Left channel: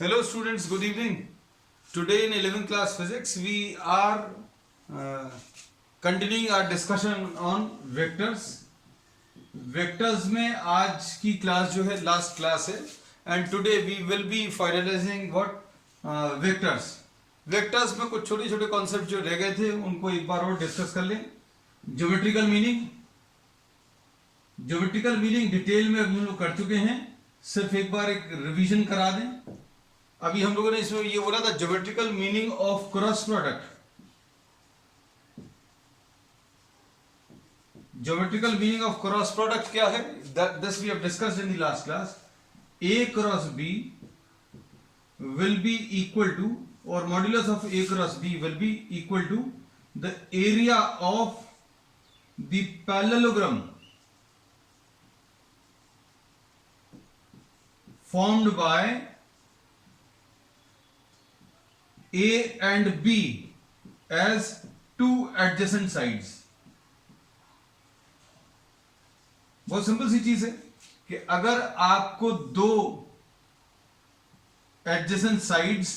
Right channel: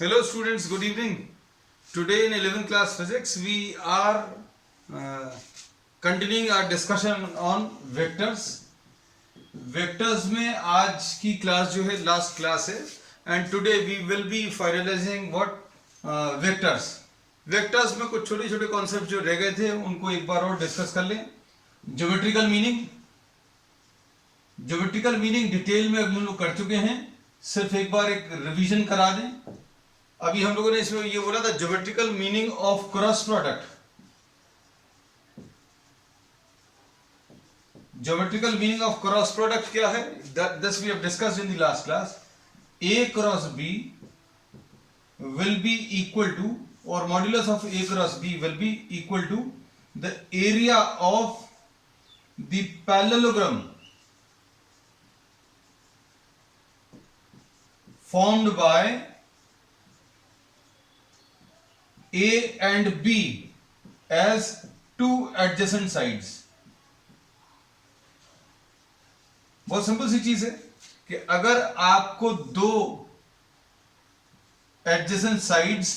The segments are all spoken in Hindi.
Hello students, good evening. Today in 11th class physics we are continuing our discussion on vectors. Vectors में आज की क्लास जो है लास्ट क्लास है and today we will be finalizing what vectors. Vectors में कुछ छोटे छोटे कॉन्सेप्ट जो रह गए थे उनको एक बार और डिस्कस कर लें. ज्योमेट्रिकल मीनिंग डिटेल में अभी हम लोग कर चुके हैं. सिर्फ एक बार एक रिवीजन करा दें. अभी हम लोगों ने इसमें ये बोला था geometrical meaning of cross product. Geometrical meaning of cross product क्या है? This we have discussed in the last class. A cross B will be equal to और modulus of A cross B will be equal to the area of the parallelogram formed by A and B as two adjacent sides. बहुत सिंपल सी चीज है कि अगर आपको दो adjacent sides,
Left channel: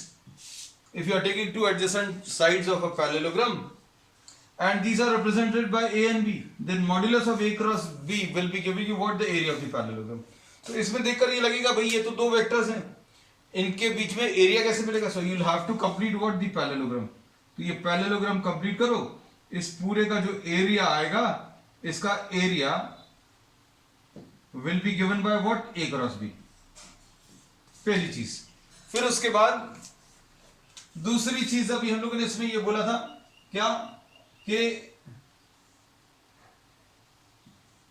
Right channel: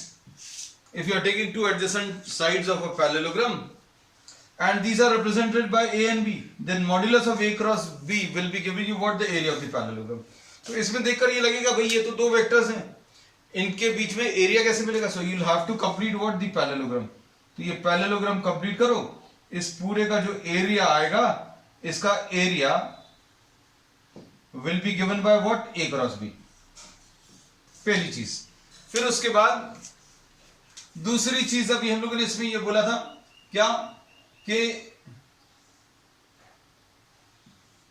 if you are taking two adjacent sides of a parallelogram and these are represented by A and B, then modulus of A cross B will be giving you what the area of the parallelogram. तो इसमें देखकर ये लगेगा भाई ये तो दो वेक्टर्स हैं, इनके बीच में एरिया कैसे मिलेगा? So you will have to complete what the parallelogram. तो ये पैरेललोग्राम कंप्लीट करो. इस पूरे का जो एरिया आएगा इसका area will be given by what? A cross B. पहली चीज. फिर उसके बाद दूसरी चीज अभी हम लोगों ने इसमें ये बोला था क्या कि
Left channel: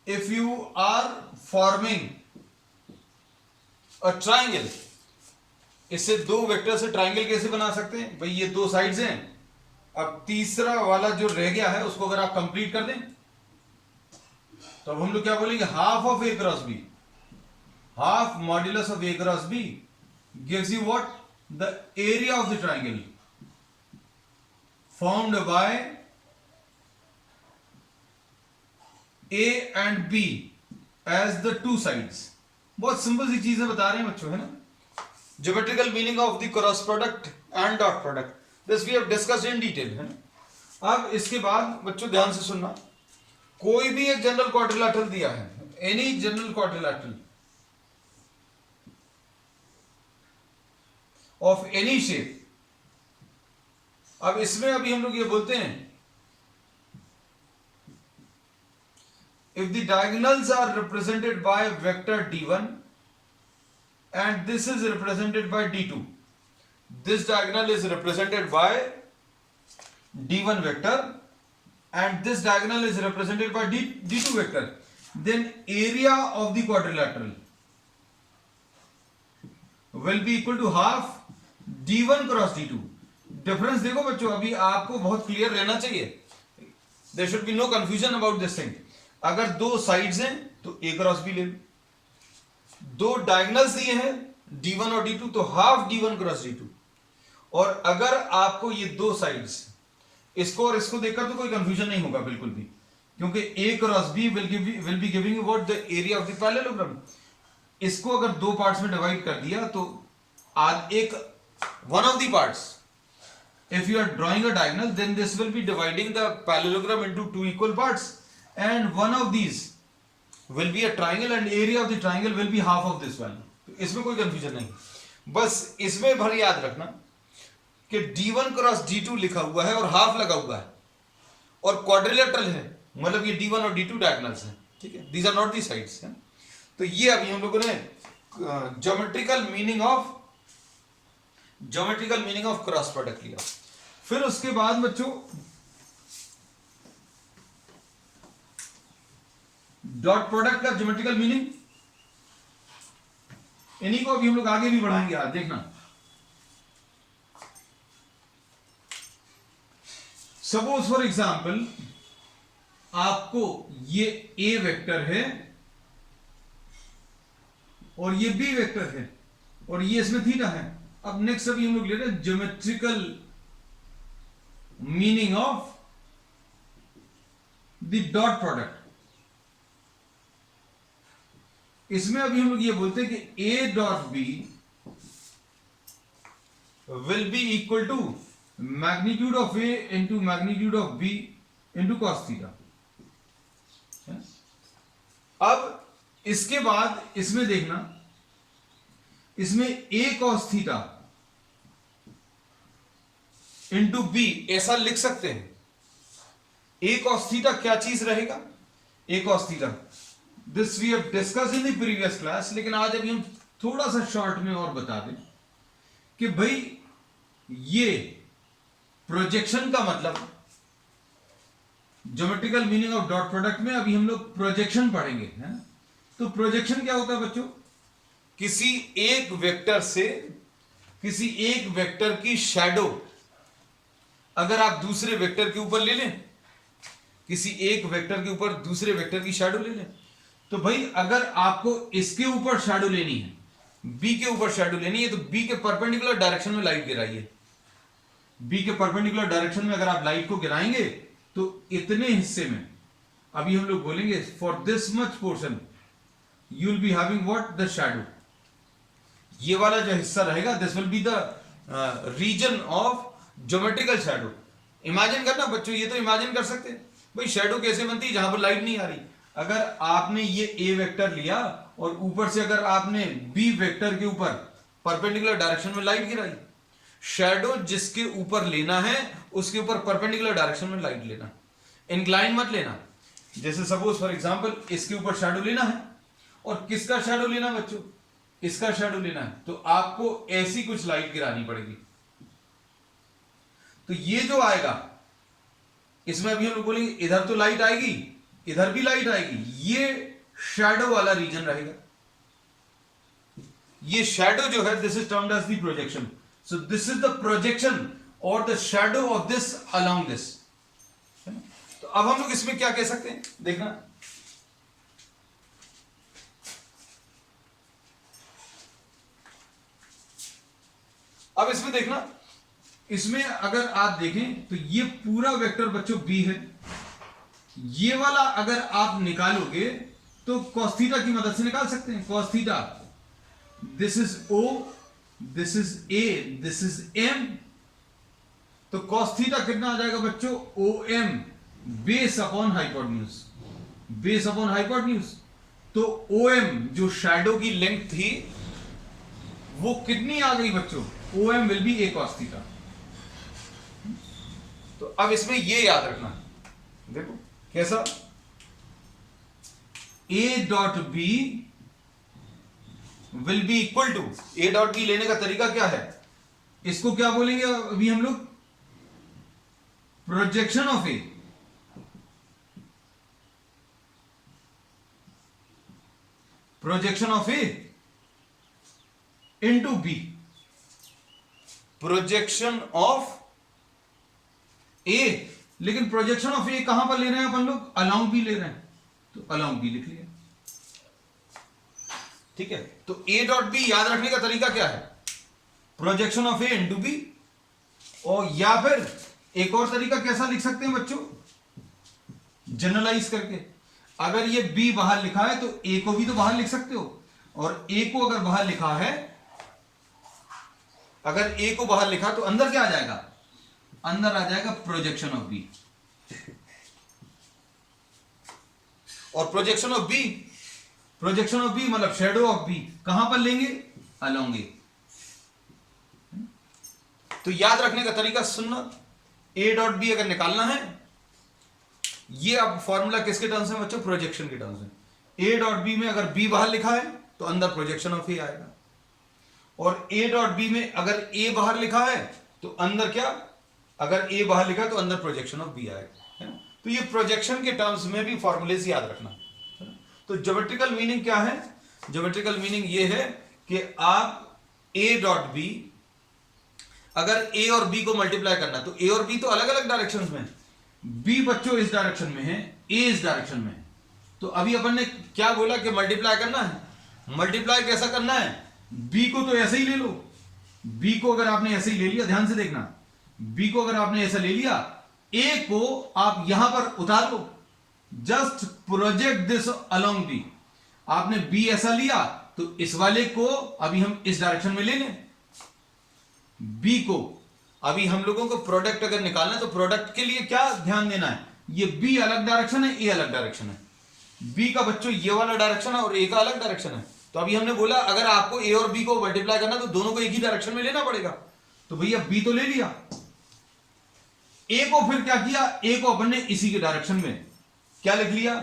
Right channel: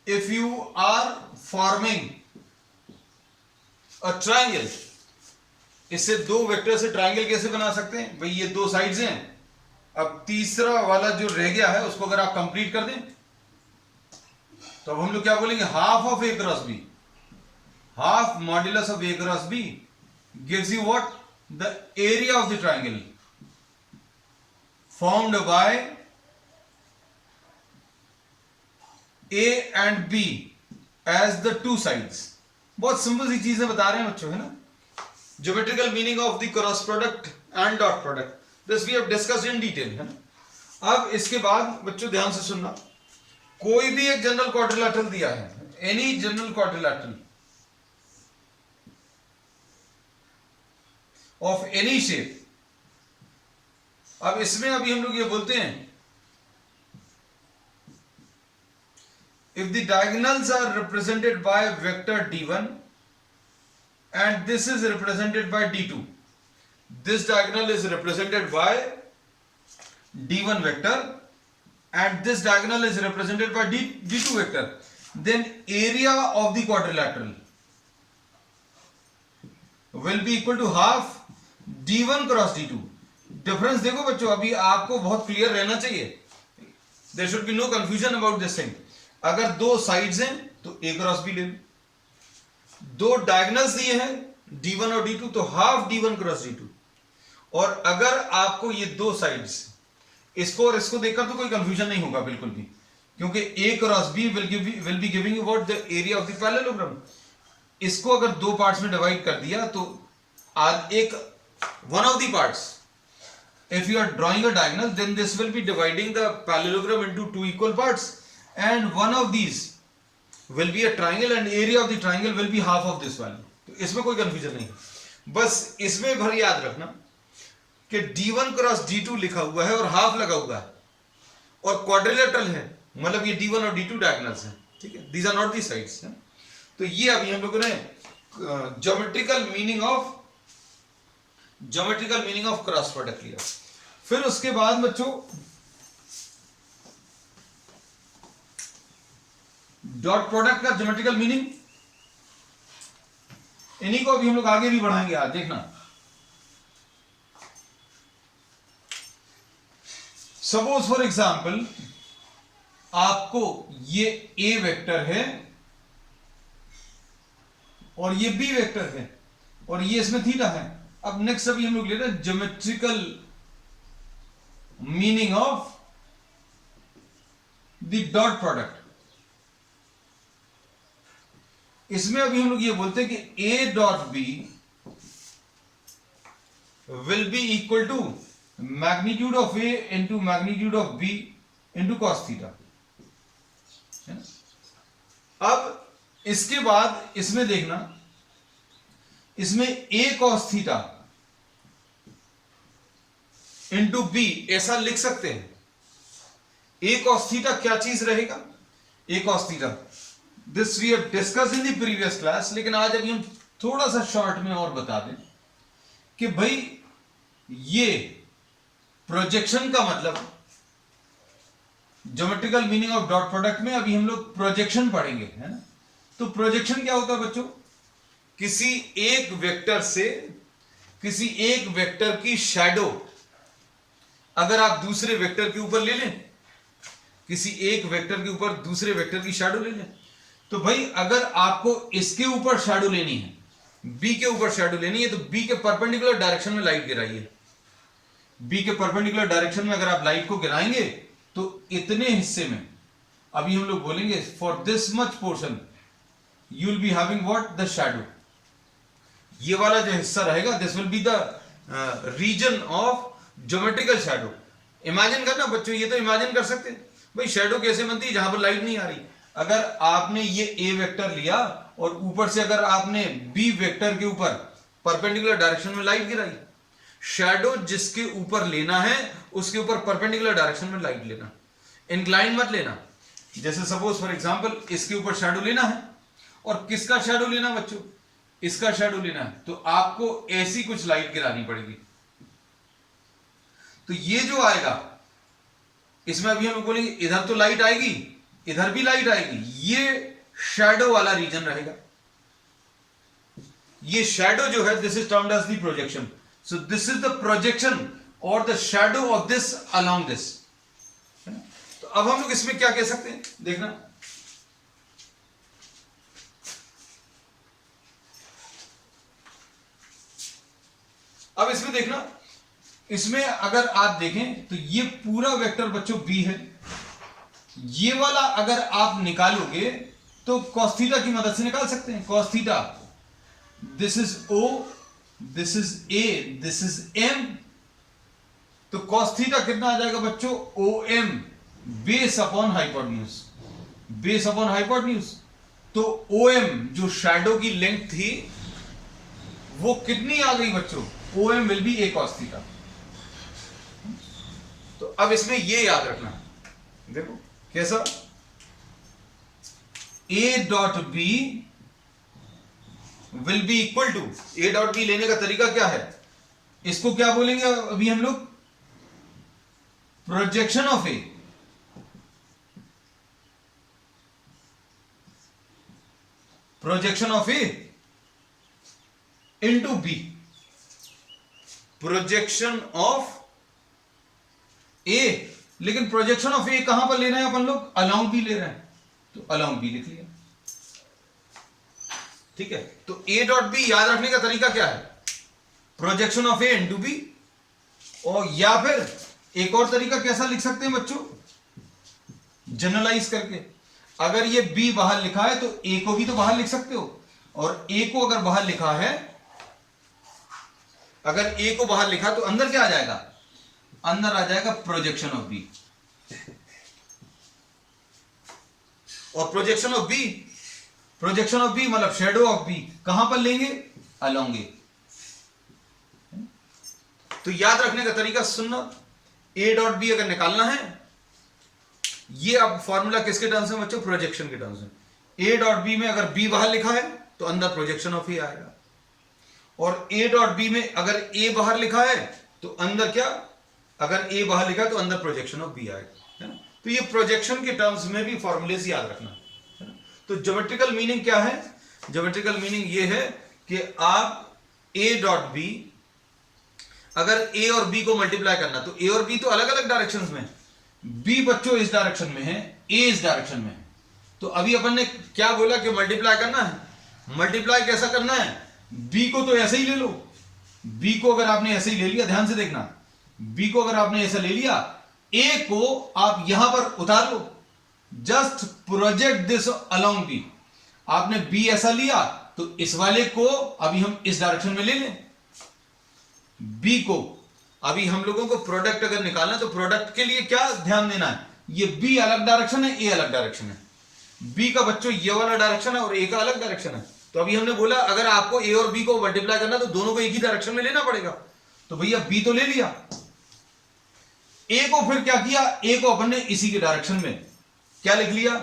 इफ यू आर फॉर्मिंग और ट्राइंगल, इससे दो वेक्टर से ट्राइंगल कैसे बना सकते हैं? भाई ये दो साइड्स हैं. अब तीसरा वाला जो रह गया है उसको अगर आप कंप्लीट कर दें तो अब हम लोग क्या बोलेंगे? Half of A cross B, half modulus of A cross B gives you what? The area of the triangle formed by A and B as the two sides. बहुत सिंपल सी चीजें बता रहे हैं बच्चों, है ना? Geometrical meaning of the cross product and dot product, this we have discussed in detail, है ना? अब इसके बाद बच्चों ध्यान से सुनना. कोई भी एक जनरल क्वाड्रिलेटरल दिया है, any general quadrilateral of any shape. अब इसमें अभी हम लोग ये बोलते हैं if the diagonals are represented by vector d1 and this is represented by d2, this diagonal is represented by d1 vector and this diagonal is represented by d2 vector, then area of the quadrilateral will be equal to half d1 cross d2. Difference देखो बच्चों, अभी आपको बहुत क्लियर रहना चाहिए. there should be no confusion about this thing. अगर दो साइड्स हैं तो ए क्रॉस बी ले लो. दो डायगोनल्स दिए हैं d1 और d2 तो हाफ d1 क्रॉस d2. और अगर आपको ये दो साइड्स, इसको और इसको देखकर तो कोई कंफ्यूजन नहीं होगा बिल्कुल भी, क्योंकि A cross B will be giving you what? The area of the parallelogram. इसको अगर दो पार्ट्स में डिवाइड कर दिया तो एक one of the parts, if you are drawing a diagonal then this will be dividing the parallelogram into two equal parts and one of these will be a triangle and area of the triangle will be half of this value. तो इसमें कोई कंफ्यूजन नहीं. बस इसमें भर याद रखना कि d1 क्रॉस d2 लिखा हुआ है और हाफ लगा हुआ है और क्वाड्रिलेटरल है, मतलब ये d1 और d2 डायगोनल्स हैं, ठीक है? These are not the sides. तो ये अभी हम लोगों ने geometrical meaning of cross product लिया. फिर उसके बाद बच्चों डॉट प्रोडक्ट का ज्योमेट्रिकल मीनिंग, इन्हीं को अभी हम लोग आगे भी बढ़ाएंगे. आज देखना, सपोज फॉर एग्जाम्पल आपको ये ए वेक्टर है और ये बी वेक्टर है और ये इसमें थीटा है. अब नेक्स्ट अभी हम लोग ले रहे हैं geometrical meaning of the dot product. इसमें अभी हम लोग ये बोलते हैं कि A dot B will be equal to magnitude of A into magnitude of B into cos theta. अब इसके बाद इसमें देखना, इसमें A cos theta into B ऐसा लिख सकते हैं। ए कॉस थीटा क्या चीज रहेगा? A cos theta, this we have discussed in the previous class, लेकिन आज अभी हम थोड़ा सा शॉर्ट में और बता दें कि भाई ये प्रोजेक्शन का मतलब, geometrical meaning of dot product में अभी हम लोग प्रोजेक्शन पढ़ेंगे, है ना। तो प्रोजेक्शन क्या होता है बच्चों? किसी एक वेक्टर से किसी एक वेक्टर की शैडो अगर आप दूसरे वेक्टर के ऊपर ले लें, किसी एक वेक्टर के ऊपर दूसरे वेक्टर की शैडो ले लें, तो भाई अगर आपको इसके ऊपर शैडो लेनी है, बी के ऊपर शैडो लेनी है, तो बी के परपेंडिकुलर डायरेक्शन में लाइट गिराइए। बी के परपेंडिकुलर डायरेक्शन में अगर आप लाइट को गिराएंगे तो इतने हिस्से में, अभी हम लोग बोलेंगे for this much portion you will be having what, the shadow. ये वाला जो हिस्सा रहेगा, this will be the region of geometrical shadow. Imagine करना बच्चों, ये तो इमेजिन कर सकते हैं भाई शैडो कैसे बनती है जहां पर लाइट नहीं आ रही। अगर आपने ये ए वेक्टर लिया और ऊपर से अगर आपने बी वेक्टर के ऊपर परपेंडिकुलर डायरेक्शन में लाइट गिराई, शैडो जिसके ऊपर लेना है उसके ऊपर परपेंडिकुलर डायरेक्शन में लाइट लेना, इंक्लाइन मत लेना। जैसे सपोज फॉर एग्जांपल इसके ऊपर शैडो लेना है, और किसका शैडो लेना बच्चों? इसका शैडो लेना है, तो आपको ऐसी कुछ लाइट गिरानी पड़ेगी। तो ये जो आएगा इसमें अभी हम लोग बोलेंगे इधर तो लाइट आएगी, इधर भी लाइट आएगी, ये शैडो वाला रीजन रहेगा। ये शैडो जो है, this is termed as the projection. So this is the projection और the shadow of this along this. तो अब हम लोग इसमें क्या कह सकते हैं, देखना। अब इसमें देखना, इसमें अगर आप देखें तो ये पूरा वेक्टर बच्चों बी है। ये वाला अगर आप निकालोगे तो cos थीटा की मदद से निकाल सकते हैं। cos theta, this is O, this is A, this is M। तो cos थीटा कितना आ जाएगा बच्चों? OM base upon hypotenuse, base upon hypotenuse. तो OM जो शैडो की लेंथ थी वो कितनी आ गई बच्चों? OM will be A cos theta. तो अब इसमें ये याद रखना, देखो कैसा, A dot B will be equal to, A dot B लेने का तरीका क्या है, इसको क्या बोलेंगे अभी हम लोग? Projection of A। Projection of A into B। Projection of A, लेकिन प्रोजेक्शन ऑफ ए कहां पर ले रहे हैं अपन लोग? अलोंग बी ले रहे हैं, तो अलोंग बी लिख लिया। ठीक है, तो ए डॉट बी याद रखने का तरीका क्या है? Projection of A into B. और या फिर एक और तरीका कैसा लिख सकते हैं बच्चों? जनरलाइज करके, अगर ये बी बाहर लिखा है तो ए को भी तो बाहर लिख सकते हो, और ए को अगर बाहर लिखा है, अगर ए को बाहर लिखा तो अंदर क्या आ जाएगा? अंदर आ जाएगा प्रोजेक्शन ऑफ बी। और projection of B, projection of B मतलब शेडो ऑफ बी कहां पर लेंगे? Along A. तो याद रखने का तरीका सुनना, ए डॉट बी अगर निकालना है, ये अब फॉर्मूला किसके टर्म्स में बच्चों? प्रोजेक्शन के टर्म्स में। ए डॉट बी में अगर बी बाहर लिखा है तो अंदर प्रोजेक्शन ऑफ ए आएगा, और ए डॉट बी में अगर ए बाहर लिखा है तो अंदर क्या? अगर ए बाहर लिखा है तो अंदर प्रोजेक्शन ऑफ बी आएगा, है ना। तो ये प्रोजेक्शन के टर्म्स में भी फॉर्मूलेस याद रखना, है ना। तो ज्योमेट्रिकल मीनिंग क्या है? ज्योमेट्रिकल मीनिंग ये है कि आप ए डॉट बी, अगर ए और बी को मल्टीप्लाई करना, तो ए और बी तो अलग अलग डायरेक्शंस में, बी बच्चों इस डायरेक्शन में है, ए इस डायरेक्शन में है। तो अभी अपन ने क्या बोला कि मल्टीप्लाई करना है। मल्टीप्लाई कैसा करना है? बी को तो ऐसे ही ले लो, बी को अगर आपने ऐसे ही ले लिया, ध्यान से देखना, बी को अगर आपने ऐसे ले लिया, ए को आप यहां पर उतार लो, just project this along B. आपने बी ऐसा लिया तो इस वाले को अभी हम इस डायरेक्शन में ले लें, बी को, अभी हम लोगों को प्रोडक्ट अगर निकालना है तो प्रोडक्ट के लिए क्या ध्यान देना है, ये बी अलग डायरेक्शन है, ए अलग डायरेक्शन है, बी का बच्चों ये वाला डायरेक्शन है और ए का अलग डायरेक्शन है। तो अभी हमने बोला अगर आपको ए और बी को मल्टीप्लाई करना तो दोनों को एक ही डायरेक्शन में लेना पड़ेगा, तो भैया बी तो ले लिया, ए को फिर क्या किया, ए को अपन ने इसी के डायरेक्शन में क्या लिख लिया,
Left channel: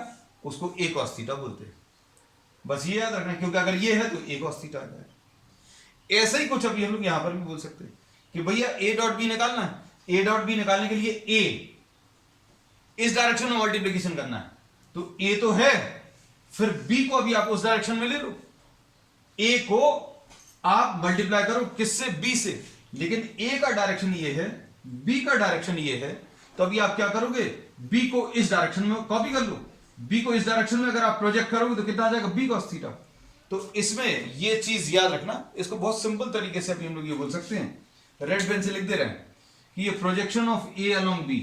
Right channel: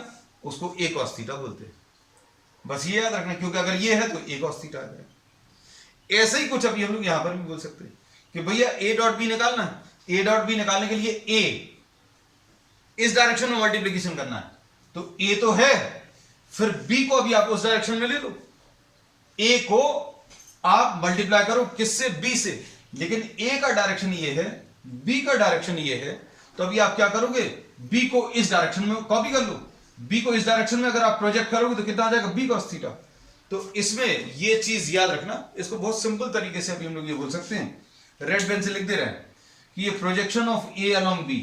उसको ए cos थीटा बोलते हैं। बस ये याद रखना, क्योंकि अगर ये है तो ए cos थीटा आ जाएगा। ऐसे ही कुछ अभी हम लोग यहां पर भी बोल सकते हैं कि भैया ए डॉट बी निकालना है, ए डॉट बी निकालने के लिए ए इस डायरेक्शन में मल्टीप्लीकेशन करना है, तो ए तो है, फिर बी को अभी आप उस डायरेक्शन में ले लो, ए को आप मल्टीप्लाई करो किससे, बी से, लेकिन ए का डायरेक्शन ये है, बी का डायरेक्शन ये है, तो अभी आप क्या करोगे, बी को इस डायरेक्शन में कॉपी कर लो, बी को इस डायरेक्शन में अगर आप प्रोजेक्ट करोगे तो कितना आ जाएगा, बी cos थीटा। तो इसमें ये चीज याद रखना, इसको बहुत सिंपल तरीके से अभी हम लोग ये बोल सकते हैं, रेड पेन से लिख दे रहे हैं कि ये projection of A along B,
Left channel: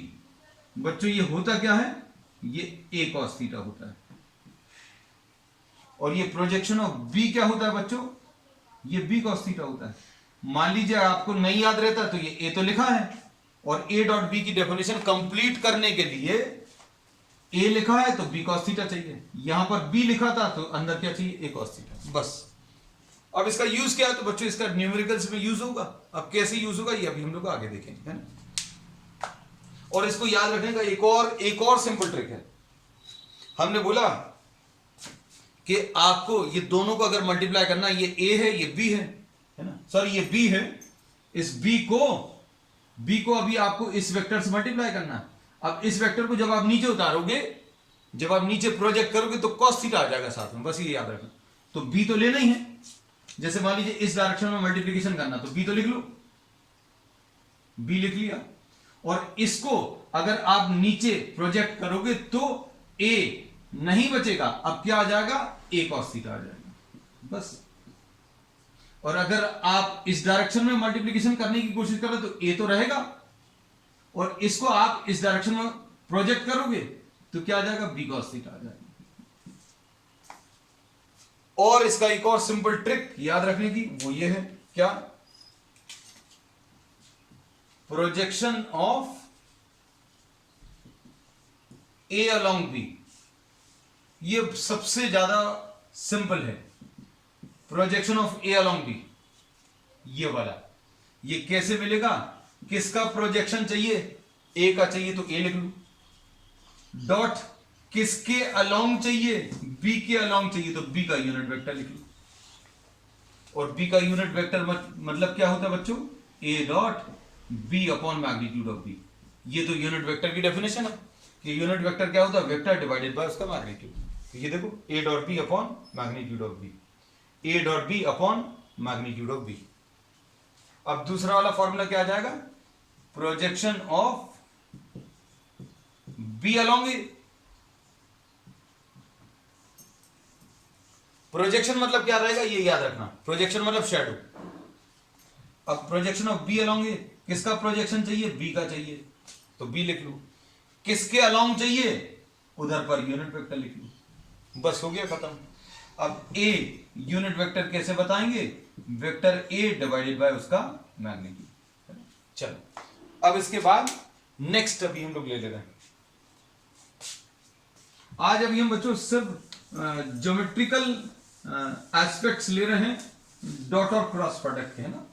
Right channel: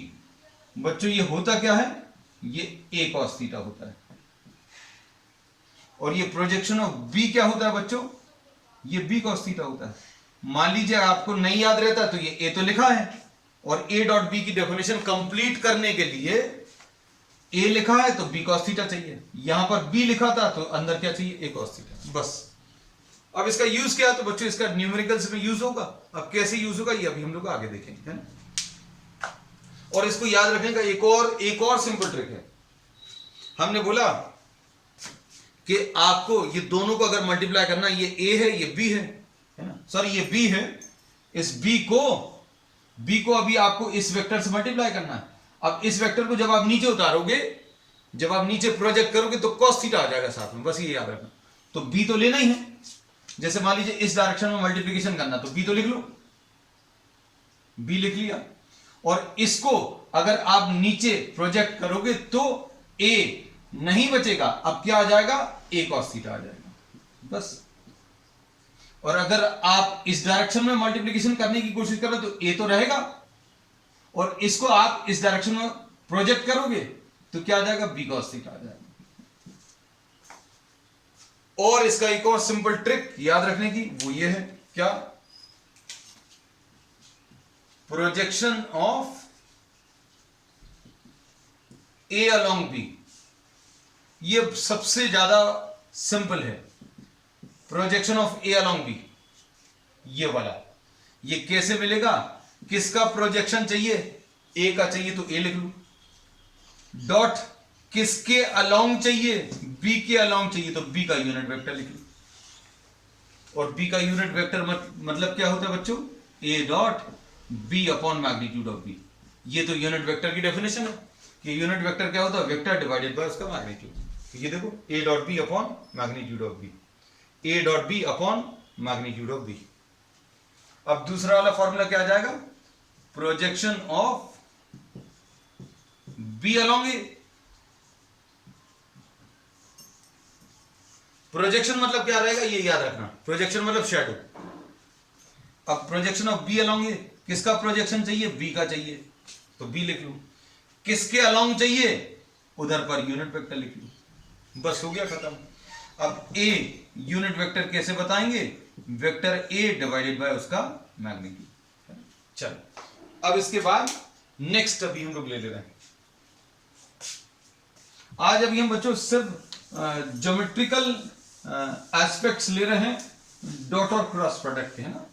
बच्चों ये होता क्या है, ये ए cos थीटा होता है, और ये प्रोजेक्शन ऑफ बी क्या होता है बच्चों, ये बी cos थीटा होता है। मान लीजिए आपको नहीं याद रहता तो ये ए तो लिखा है, और ए डॉट बी की डेफिनेशन कंप्लीट करने के लिए ए लिखा है तो बी cos थीटा चाहिए, यहां पर बी लिखा था तो अंदर क्या चाहिए, ए cos थीटा, बस। अब इसका यूज क्या है, तो बच्चों इसका न्यूमेरिकल्स में यूज होगा, अब कैसे यूज होगा ये अभी हम लोग आगे देखेंगे, है ना। और इसको याद रखने का एक और सिंपल ट्रिक है, हमने बोला कि आपको ये दोनों को अगर मल्टीप्लाई करना, ये ए है ये बी है ना, सॉरी ये बी है, इस बी को अभी आपको इस वेक्टर से मल्टीप्लाई करना है। अब इस वेक्टर को जब आप नीचे उतारोगे, जब आप नीचे प्रोजेक्ट करोगे तो cos थीटा आ जाएगा साथ में, बस ये याद रखना। तो बी तो लेना ही है, जैसे मान लीजिए इस डायरेक्शन में मल्टीप्लिकेशन करना, तो बी तो लिख लो, बी लिख लिया, और इसको अगर आप नीचे प्रोजेक्ट करोगे तो ए नहीं बचेगा, अब क्या आ जाएगा, ए cos थीटा आ जाएगा, बस। और अगर आप इस डायरेक्शन में मल्टीप्लिकेशन करने की कोशिश करो तो ए तो रहेगा, और इसको आप इस डायरेक्शन में प्रोजेक्ट करोगे तो क्या आ जाएगा, बी cos थीटा आ जाएगा। और इसका एक और सिंपल ट्रिक याद रखने की, वो ये है क्या, projection of A along B, ये सबसे ज्यादा सिंपल है, projection of A along B, ये वाला, ये कैसे मिलेगा, किसका प्रोजेक्शन चाहिए, ए का चाहिए तो ए लिख लो, डॉट किसके अलोंग चाहिए, बी के अलोंग चाहिए तो बी का यूनिट वेक्टर लिख लो, और बी का यूनिट वेक्टर मतलब क्या होता है बच्चों, A dot B upon magnitude of B. ये तो यूनिट वेक्टर की डेफिनेशन है कि यूनिट वेक्टर क्या होता है, वेक्टर डिवाइडेड बाय उसका मैग्नीट्यूड। ये देखो A dot B upon magnitude of B, A dot B upon magnitude of B. अब दूसरा वाला फॉर्मूला क्या आ जाएगा, projection of B along A, projection मतलब क्या रहेगा ये याद रखना, प्रोजेक्शन मतलब शैडो। अब प्रोजेक्शन ऑफ बी अलोंग ए, किसका प्रोजेक्शन चाहिए, बी का चाहिए तो बी लिख लो, किसके अलोंग चाहिए, उधर पर यूनिट वेक्टर लिख लो, बस हो गया खत्म। अब ए यूनिट वेक्टर कैसे बताएंगे, वेक्टर ए डिवाइडेड बाय उसका मैग्नीट्यूड। चलो अब इसके बाद नेक्स्ट अभी हम लोग ले रहे हैं, आज अभी हम बच्चों सिर्फ ज्योमेट्रिकल एस्पेक्ट्स ले रहे हैं, डॉट और क्रॉस प्रोडक्ट के, है ना।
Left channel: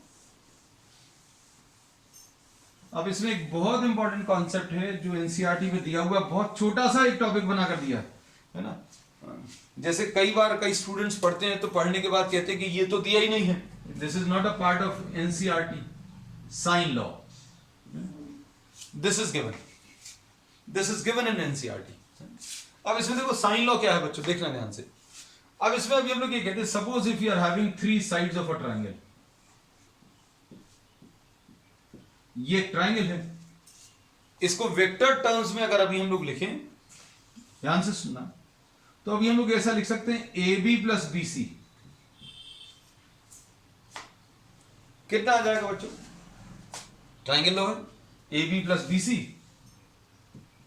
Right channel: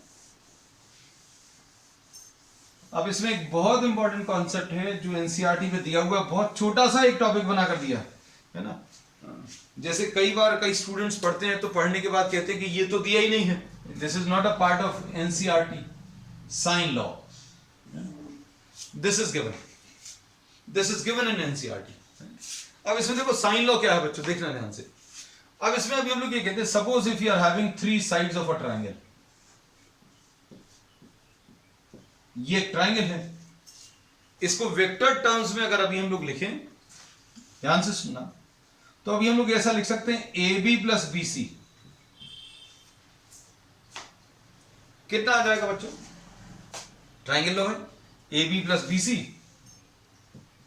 अब इसमें एक बहुत इंपॉर्टेंट कॉन्सेप्ट है जो एनसीईआरटी में दिया हुआ है, बहुत छोटा सा एक टॉपिक बना कर दिया है ना। जैसे कई बार कई स्टूडेंट्स पढ़ते हैं तो पढ़ने के बाद कहते हैं कि ये तो दिया ही नहीं है, this is not a part of NCERT, sine law this is given in NCERT. अब इसमें देखो साइन लॉ क्या है बच्चों, देखना ध्यान से। अब इसमें अभी हम लोग ये कहते हैं, suppose if you are having 3 sides of a triangle, ये एक ट्रायंगल है, इसको वेक्टर टर्म्स में अगर अभी हम लोग लिखें, ध्यान से सुनना, तो अभी हम लोग ऐसा लिख सकते हैं A B plus B C, कितना आ जाएगा बच्चों, ट्रायंगल लॉ है, A B plus B C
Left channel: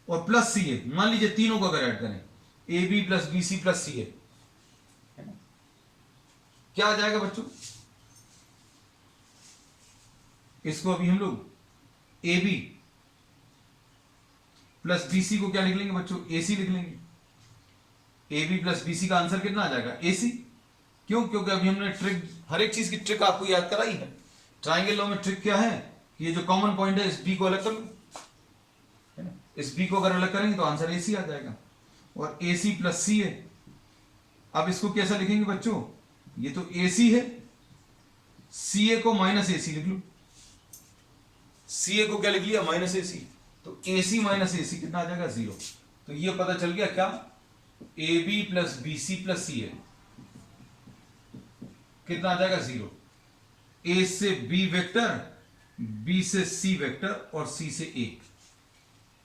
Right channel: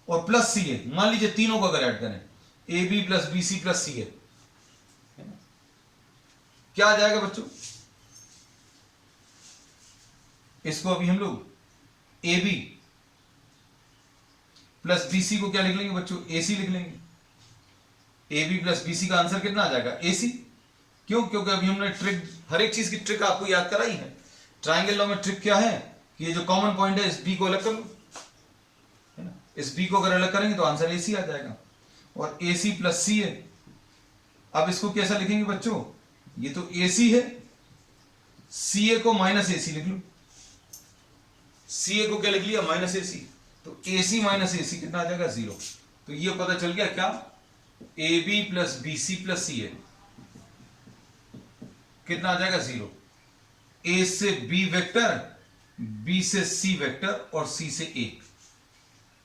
और प्लस सी है, मान लीजिए तीनों को अगर ऐड करें, A B plus B C plus C है, क्या आ जाएगा बच्चों, इसको अभी हम लोग A B plus B C को क्या लिख लेंगे बच्चों, ए सी लिख लेंगे। A B plus B C का आंसर कितना आ जाएगा, ए सी। क्यों, क्योंकि अभी हमने ट्रिक, हर एक चीज की ट्रिक आपको याद कराई है। ट्राइंगल लॉ में ट्रिक क्या है कि ये जो कॉमन पॉइंट है इस बी को अलग कर लो, है ना। इस बी को अगर अलग करेंगे तो आंसर ए सी आ जाएगा, और ए सी प्लस सी है। अब इसको कैसा लिखेंगे बच्चों, ये तो ए सी है, सी ए को माइनस ए सी लिख लो। सी ए को क्या लिख लिया, माइनस ए सी, तो ए सी माइनस ए सी कितना आ जाएगा, 0। तो ये पता चल गया क्या, A B plus B C plus C A कितना आ जाएगा, 0। ए से बी वेक्टर, बी से सी वेक्टर और सी से 1।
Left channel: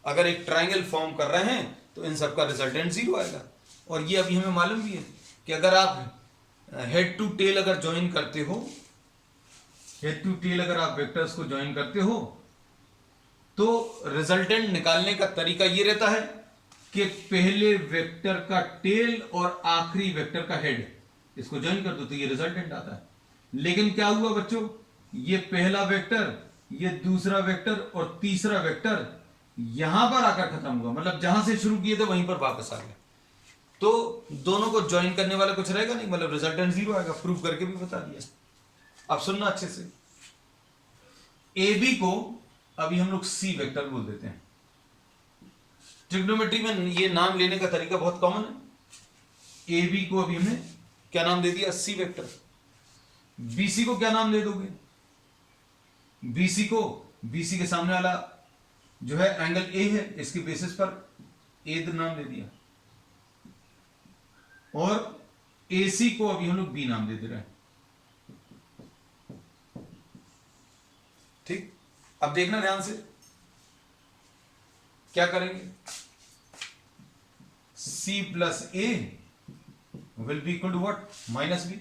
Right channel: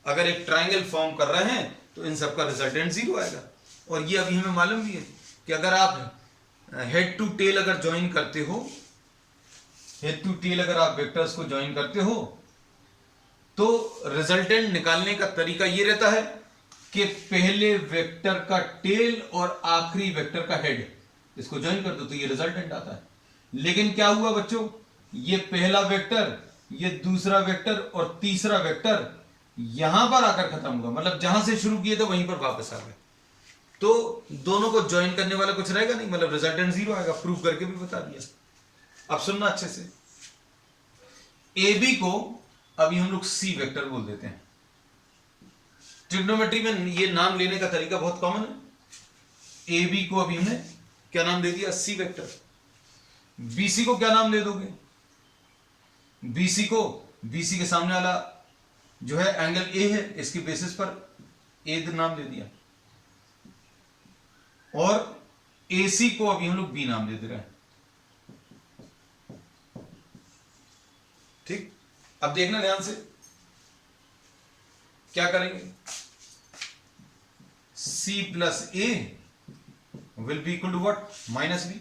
अगर एक ट्राइंगल फॉर्म कर रहे हैं तो इन सबका रिजल्टेंट 0 आएगा। और ये अभी हमें मालूम भी है कि अगर आप हेड टू टेल अगर ज्वाइन करते हो, हेड टू टेल अगर आप वेक्टर्स को ज्वाइन करते हो तो रिजल्टेंट निकालने का तरीका ये रहता है कि पहले वेक्टर का टेल और आखिरी वेक्टर का हेड, इसको ज्वाइन कर दो तो ये रिजल्टेंट आता है। लेकिन क्या हुआ बच्चों, ये पहला वेक्टर, ये दूसरा वेक्टर और तीसरा वेक्टर यहां पर आकर खत्म हुआ, मतलब जहां से शुरू किए थे वहीं पर वापस आ गए, तो दोनों को ज्वाइन करने वाला कुछ रहेगा नहीं, मतलब रिजल्टेंट 0 आएगा। प्रूव करके भी बता दिया। अब सुनना अच्छे से, ए बी को अभी हम लोग सी वेक्टर बोल देते हैं। ट्रिग्नोमेट्री में ये नाम लेने का तरीका बहुत कॉमन है। ए बी को अभी हमने क्या नाम दे दिया, सी वेक्टर। बीसी को क्या नाम दे दोगे, बीसी को, बीसी के सामने वाला जो है एंगल ए है, इसके बेसिस पर ए नाम दे दिया। और एसी को अभी हम लोग बी नाम दे दे रहे हैं। ठीक, अब देखना ध्यान से क्या करेंगे, C plus A will be equal to what, minus B.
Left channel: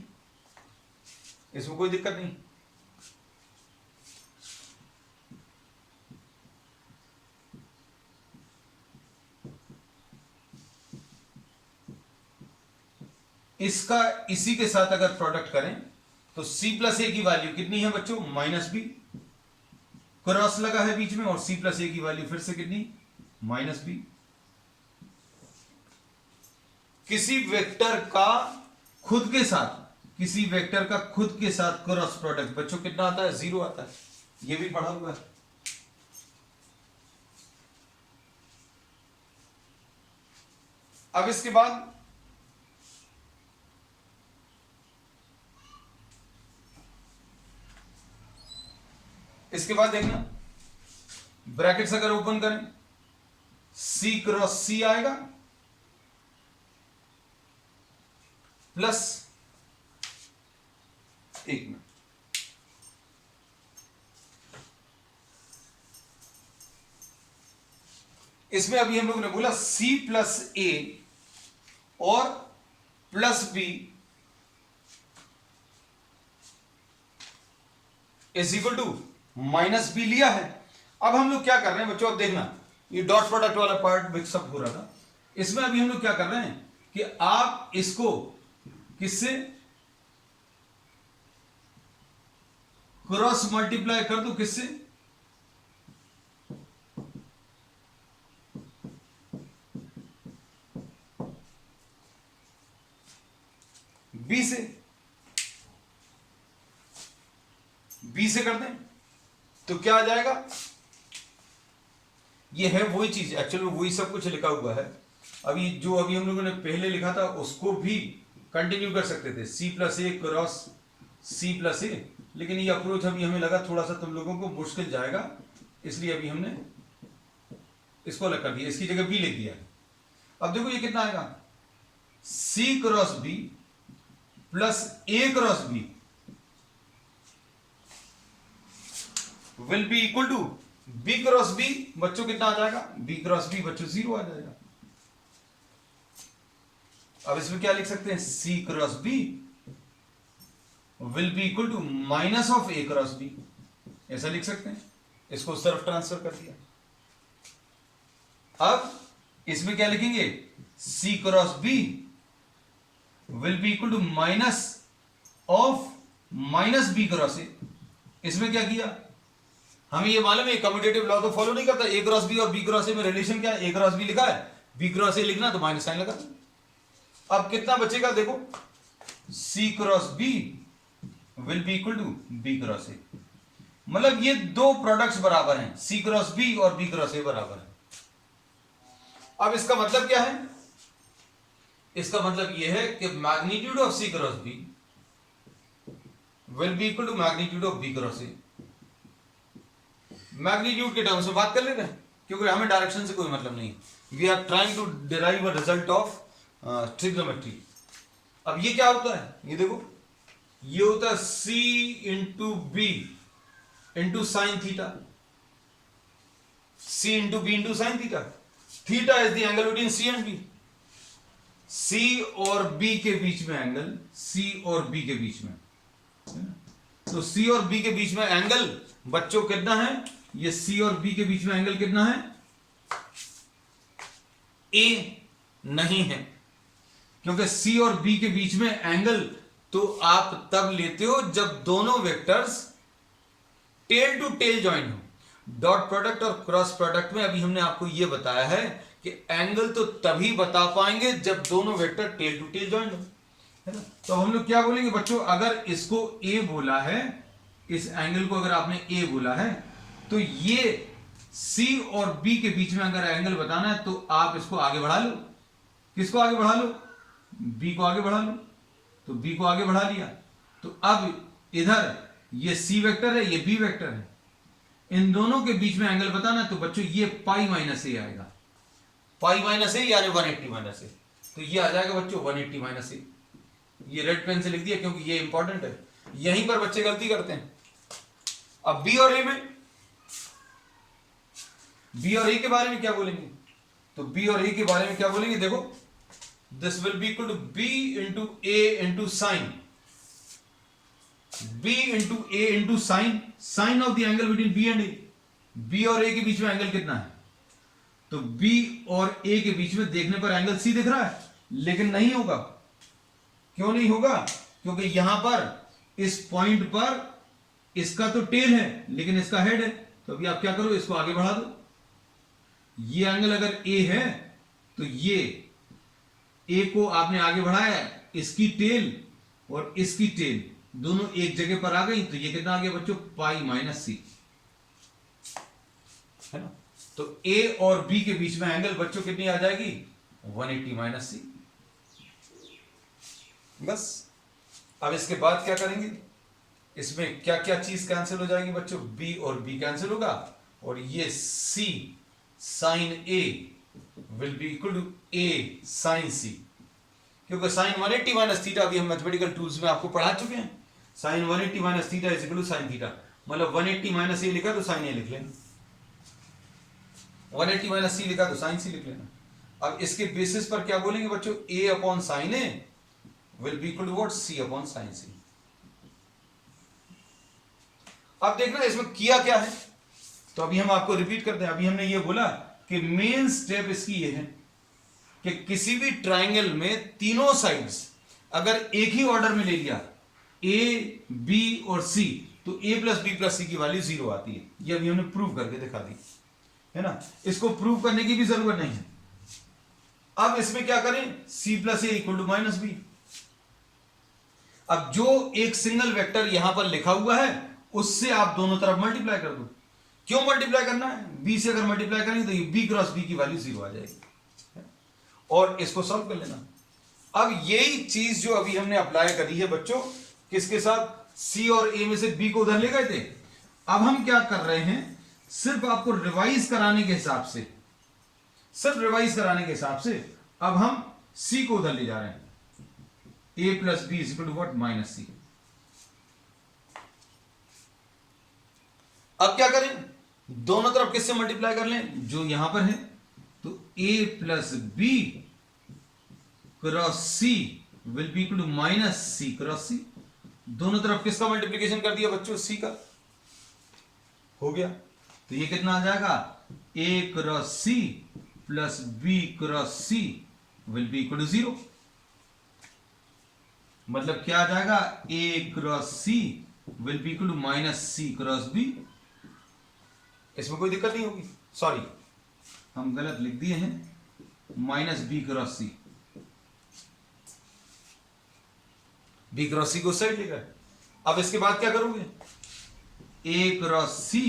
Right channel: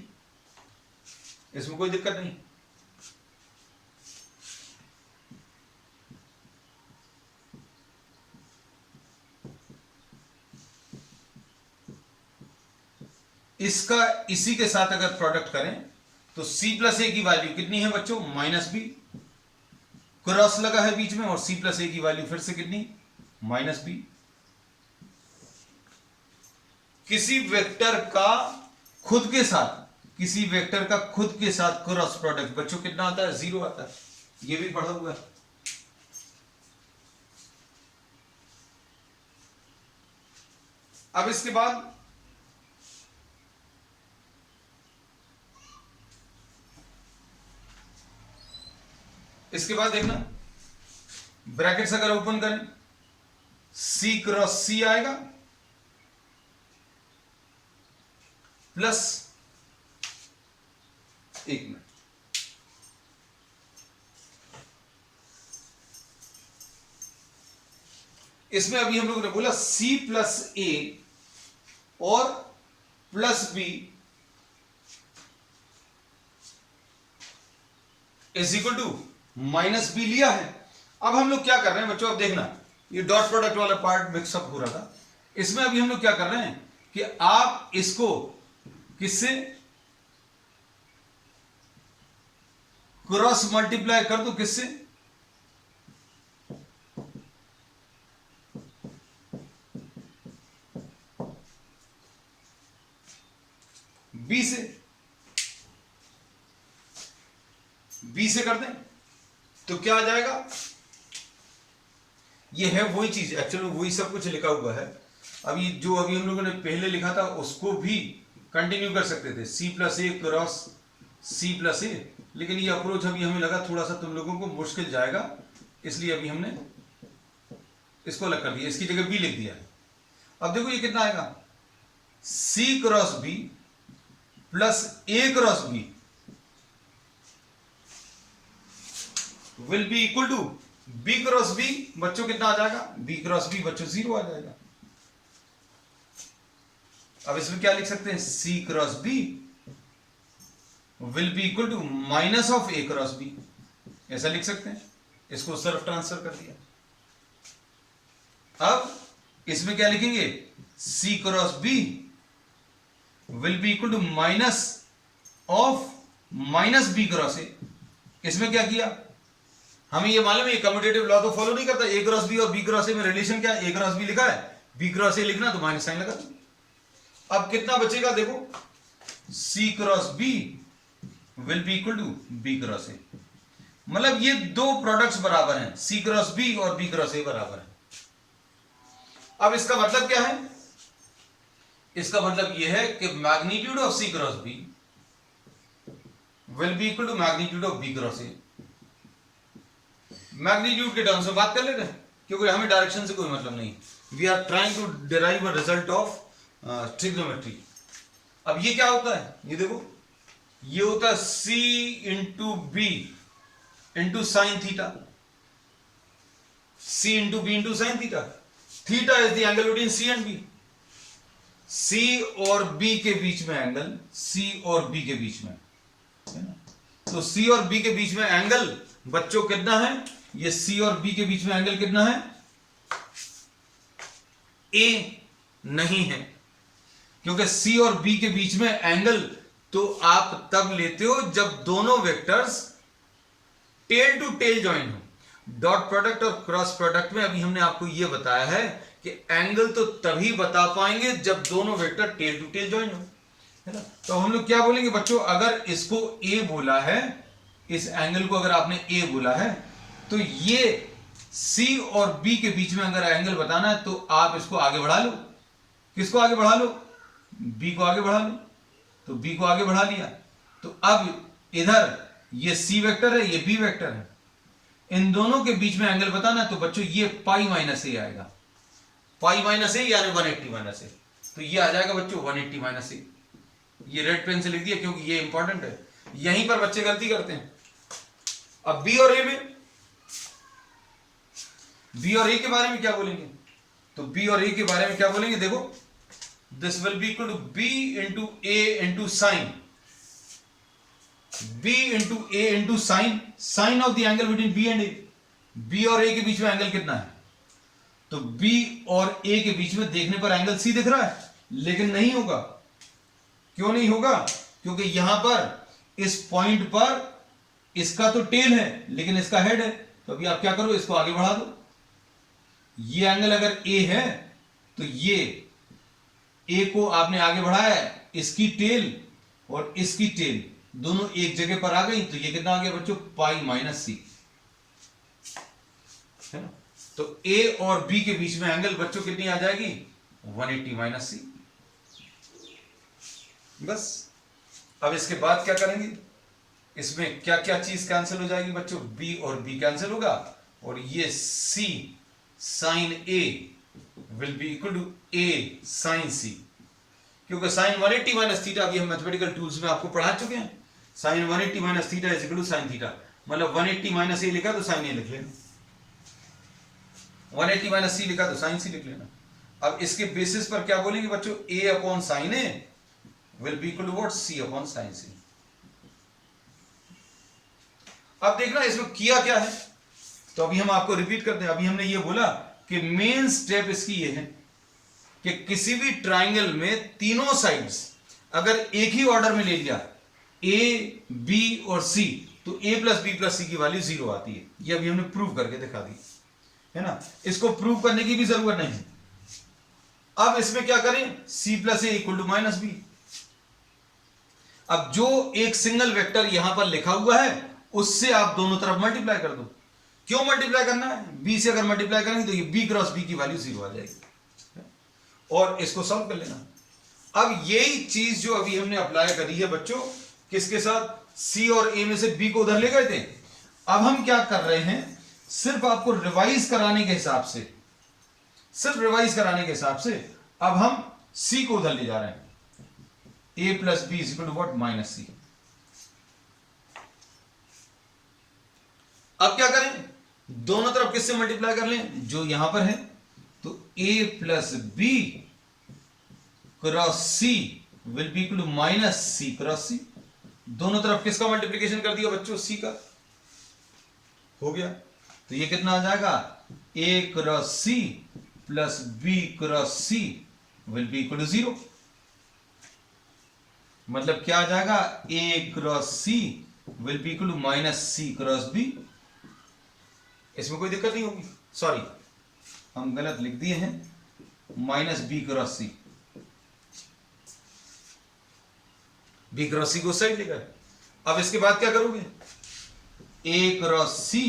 इसमें कोई दिक्कत नहीं। इसका इसी के साथ अगर प्रोडक्ट करें तो c प्लस ए की वैल्यू कितनी है बच्चों, माइनस बी। क्रॉस लगा है बीच में, और c प्लस ए की वैल्यू फिर से कितनी, माइनस बी। किसी वेक्टर का खुद के साथ, किसी वेक्टर का खुद के साथ क्रॉस प्रोडक्ट बच्चों कितना आता है, 0 आता है। यह भी पढ़ा हुआ है। अब इसके बाद देखना, ब्रैकेट्स अगर ओपन करें, C क्रॉस C आएगा प्लस, एक मिनट, इसमें अभी हम लोगों ने बोला C प्लस A और plus B is equal to minus B लिया है। अब हम लोग क्या कर रहे हैं बच्चों, अब देखना, ये डॉट प्रोडक्ट वाला पार्ट मिक्सअप हो रहा था। इसमें अभी हम लोग क्या कर रहे हैं कि आप इसको किससे क्रॉस मल्टीप्लाई कर दो, किससे, बी से, बी से कर दें तो क्या आ जाएगा, ये है वही चीज, एक्चुअली वही सब कुछ लिखा हुआ है। अभी जो अभी हम लोगों ने पहले लिखा था उसको भी कंटिन्यू कर सकते थे, C प्लस ए क्रॉस C प्लस ए, लेकिन ये अप्रोच अभी हमें लगा थोड़ा सा तुम लोगों को मुश्किल जाएगा, इसलिए अभी हमने इसको अलग कर दिया, इसकी जगह B लिख दिया। अब देखो ये कितना आएगा, C cross B plus A cross B will be equal to B cross B। बच्चों कितना आ जाएगा, B क्रॉस B बच्चों 0 आ जाएगा। अब इसमें क्या लिख सकते हैं, C cross B will be equal to minus of A cross B, ऐसा लिख सकते हैं। इसको उस तरफ ट्रांसफर कर दिया। अब इसमें क्या लिखेंगे, C cross B will be equal to minus of minus B cross A। इसमें क्या किया, हमें ये मालूम है कम्यूटेटिव लॉ तो फॉलो नहीं करता, ए क्रॉस बी और बी क्रॉस ए में रिलेशन क्या है, ए क्रॉस बी लिखा है, बी क्रॉस ए लिखना तो माइनस साइन लगा। अब कितना बचेगा देखो, C cross B will be equal to B cross A, मतलब ये दो प्रोडक्ट्स बराबर हैं, सी क्रॉस बी और बी क्रॉस ए बराबर है। अब इसका मतलब क्या है, इसका मतलब यह है कि magnitude of C cross B will be equal to magnitude of B cross A. Magnitude के टर्म्स में बात कर लेते हैं, क्योंकि हमें डायरेक्शन से कोई मतलब नहीं, we are trying to derive a result of trigonometry. अब ये क्या होता है, ये देखो, ये होता है C into B into sine theta, C into B into sine theta, theta is the angle between C and B, C और बी के बीच में एंगल, सी और बी के बीच में है ना, तो सी और बी के बीच में एंगल बच्चों कितना है, ये सी और बी के बीच में एंगल कितना है, ए नहीं है, क्योंकि सी और बी के बीच में एंगल तो आप तब लेते हो जब दोनों vectors tail to tail join हो। डॉट प्रोडक्ट और क्रॉस प्रोडक्ट में अभी हमने आपको यह बताया है कि एंगल तो तभी बता पाएंगे जब दोनों vector tail to tail join हो, है ना। तो हम लोग क्या बोलेंगे बच्चों, अगर इसको ए बोला है, इस एंगल को अगर आपने ए बोला है, तो ये सी और बी के बीच में अगर एंगल बताना है तो आप इसको आगे बढ़ा लो, किसको आगे बढ़ा लो, बी को आगे बढ़ा लो, तो बी को आगे बढ़ा लिया, तो अब इधर ये सी वेक्टर है, ये बी वेक्टर है, इन दोनों के बीच में एंगल बताना है, तो बच्चों ये पाई माइनस ए आएगा, पाई माइनस ए यानी 180 माइनस ए, तो ये आ जाएगा बच्चों 180 माइनस ए। ये रेड पेन से लिख दिया क्योंकि ये इंपॉर्टेंट है, यहीं पर बच्चे गलती करते हैं। अब बी और ए में, बी और ए के बारे में क्या बोलेंगे, तो बी और ए के बारे में क्या बोलेंगे, देखो, this will be equal to B into A into sine, B into A into sine, sine of the angle between B and A. B और ए के बीच में एंगल कितना है, तो बी और ए के बीच में देखने पर एंगल सी दिख रहा है, लेकिन नहीं होगा, क्यों नहीं होगा, क्योंकि यहां पर इस पॉइंट पर इसका तो टेल है लेकिन इसका हेड है, तो अभी आप क्या करो, इसको आगे बढ़ा दो, ये एंगल अगर ए है तो ये ए को आपने आगे बढ़ाया है, इसकी टेल और इसकी टेल दोनों एक जगह पर आ गई, तो ये कितना आ गया बच्चों, पाई माइनस सी, है ना। तो ए और बी के बीच में एंगल बच्चों कितनी आ जाएगी, 180 माइनस सी। बस अब इसके बाद क्या करेंगे, इसमें क्या क्या चीज कैंसिल हो जाएगी बच्चों, बी और बी कैंसिल होगा, और ये C sine A will be equal to A sine C, क्योंकि साइन 180 माइनस थीटा अभी हम मैथमेटिकल टूल्स में आपको पढ़ा चुके हैं, sine 180 minus theta is equal to sine theta, मतलब 180 माइनस ए लिखा तो साइन ए लिख लेना, 180 माइनस सी लिखा तो साइन सी लिख लेना। अब इसके बेसिस पर क्या बोलेंगे बच्चों, A upon sine A will be equal to what, C upon sine C. अब देखना इसमें किया क्या है, तो अभी हम आपको रिपीट करते हैं। अभी हमने ये बोला कि मेन स्टेप इसकी ये है कि किसी भी ट्राइंगल में तीनों साइड्स अगर एक ही ऑर्डर में ले लिया, ए बी और सी, तो ए प्लस बी प्लस सी की वैल्यू 0 आती है। ये अभी हमने प्रूव करके दिखा दी, है ना। इसको प्रूव करने की भी जरूरत नहीं है। अब इसमें क्या करें, C plus A equal to minus B. अब जो एक सिंगल वेक्टर यहां पर लिखा हुआ है उससे आप दोनों तरफ मल्टीप्लाई कर दो। क्यों मल्टीप्लाई करना है, बी से अगर मल्टीप्लाई करेंगे तो ये बी क्रॉस बी की वैल्यू 0 आ जाएगी, और इसको सॉल्व कर लेना। अब यही चीज जो अभी हमने अप्लाई करी है बच्चों, किसके साथ, सी और ए में से बी को उधर ले गए थे। अब हम क्या कर रहे हैं, सिर्फ आपको रिवाइज कराने के हिसाब से, सिर्फ रिवाइज कराने के हिसाब से अब हम सी को उधर ले जा रहे हैं, A plus B is equal to what, minus C. अब क्या करें, दोनों तरफ किससे मल्टीप्लाई कर लें, जो यहां पर है, तो a plus B cross C will be equal to minus C cross C. दोनों तरफ किसका मल्टीप्लीकेशन कर दिया बच्चों, सी का, हो गया। तो ये कितना आ जाएगा, a cross C plus B cross C will be equal to 0। मतलब क्या आ जाएगा, a cross C will be equal to minus C cross B. इसमें कोई दिक्कत नहीं होगी। सॉरी, हम गलत लिख दिए हैं, minus B cross C, B cross C को साइड लेकर। अब इसके बाद क्या करोगे, A cross C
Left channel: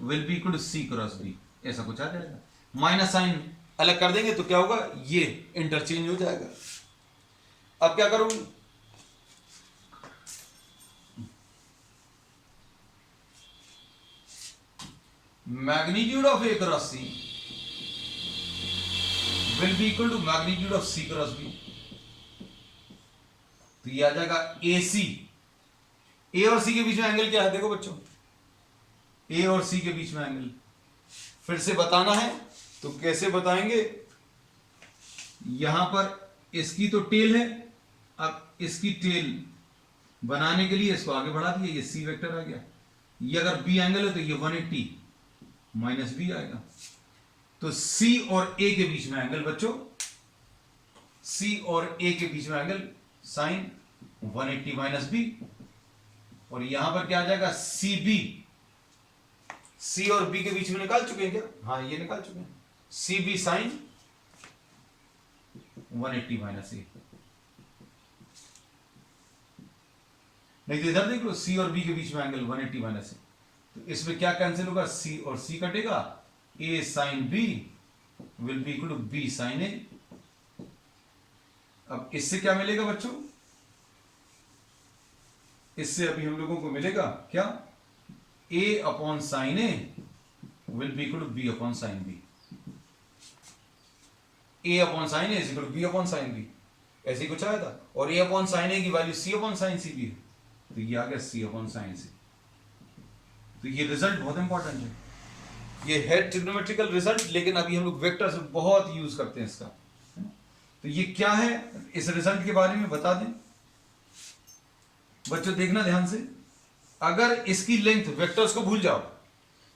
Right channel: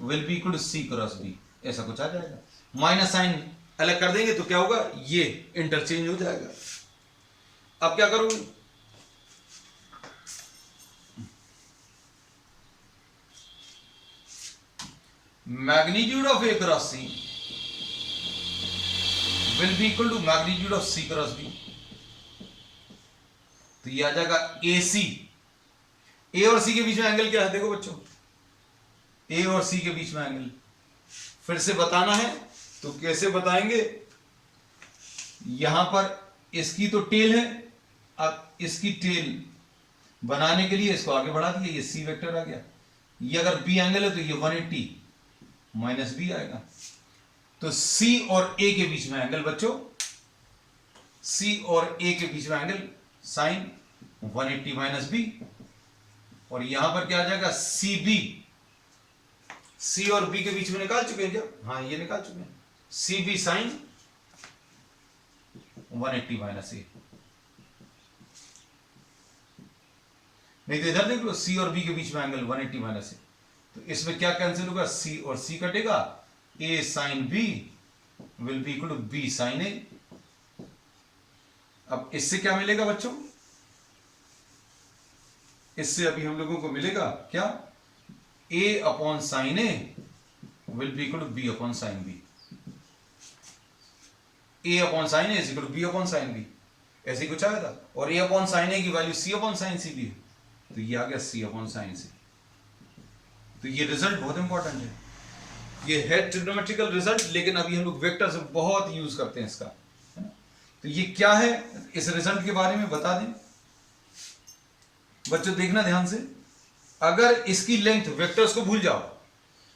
will be equal to C cross B, ऐसा कुछ आ जाएगा। माइनस साइन अलग कर देंगे तो क्या होगा, ये इंटरचेंज हो जाएगा। अब क्या करोगे, magnitude of A cross C will be equal to magnitude of C cross B, तो ये आ जाएगा ए सी। ए और सी के बीच में एंगल क्या है, देखो बच्चों, ए और सी के बीच में एंगल फिर से बताना है तो कैसे बताएंगे, यहां पर इसकी तो टेल है, अब इसकी टेल बनाने के लिए इसको आगे बढ़ा दिया, ये सी वेक्टर आ गया। ये अगर बी एंगल है तो ये 180 माइनस बी आएगा। तो सी और ए के बीच में एंगल बच्चों, सी और ए के बीच में एंगल साइन 180 माइनस बी, और यहां पर क्या आ जाएगा, सी बी। सी और बी के बीच में निकाल चुके हैं क्या, हाँ ये निकाल चुके हैं, सी बी साइन 180 माइनस ए। नहीं तो इधर देख लो, सी और बी के बीच में एंगल 180 माइनस ए, तो इसमें क्या कैंसिल होगा, सी और सी कटेगा, A sine B will be equal to B sine A. अब इससे क्या मिलेगा बच्चों, इससे अभी हम लोगों को मिलेगा क्या, A upon sine A will be equal to B upon sine B. A upon sine A is equal to B upon sine B, ऐसे ही कुछ आया था। और ए अपॉन साइन ए की वैल्यू सी अपॉन साइन सी भी है, तो ये आ गया सी अपॉन साइन सी। तो ये रिजल्ट बहुत इंपॉर्टेंट है, ये है ट्रिग्नोमेट्रिकल रिजल्ट, लेकिन अभी हम लोग वेक्टर से बहुत यूज करते हैं इसका, है ना। तो ये क्या है, इस रिजल्ट के बारे में बता दें बच्चों, देखना ध्यान से। अगर इसकी लेंथ, वेक्टर्स को भूल जाओ,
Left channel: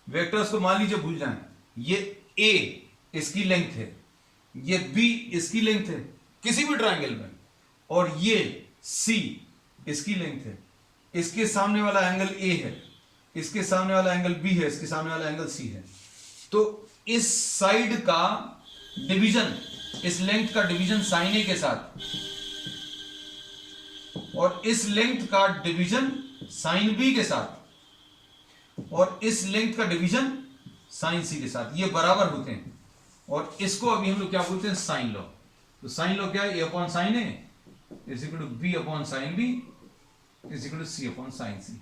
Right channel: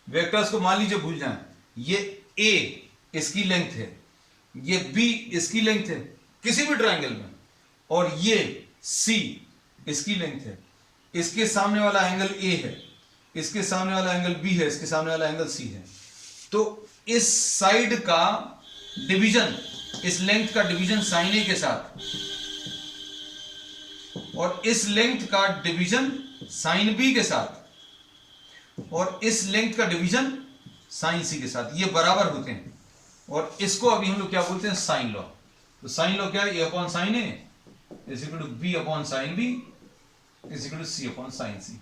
वेक्टर्स को मान लीजिए भूल जाएं, ये ए इसकी लेंथ है, ये बी इसकी लेंथ है किसी भी ट्राइंगल में, और ये सी इसकी लेंथ है, इसके सामने वाला एंगल ए है, इसके सामने वाला एंगल बी है, इसके सामने वाला एंगल सी है, तो इस साइड का डिवीजन, इस लेंथ का डिवीजन साइन ए के साथ, और इस लेंथ का डिवीजन साइन बी के साथ, और इस लेंथ का डिवीजन साइन सी के साथ, ये बराबर होते हैं। और इसको अभी हम लोग क्या बोलते हैं, साइन लॉ। तो साइन लॉ क्या है, A upon sine A is equal to B upon sine B is equal to C upon sine C.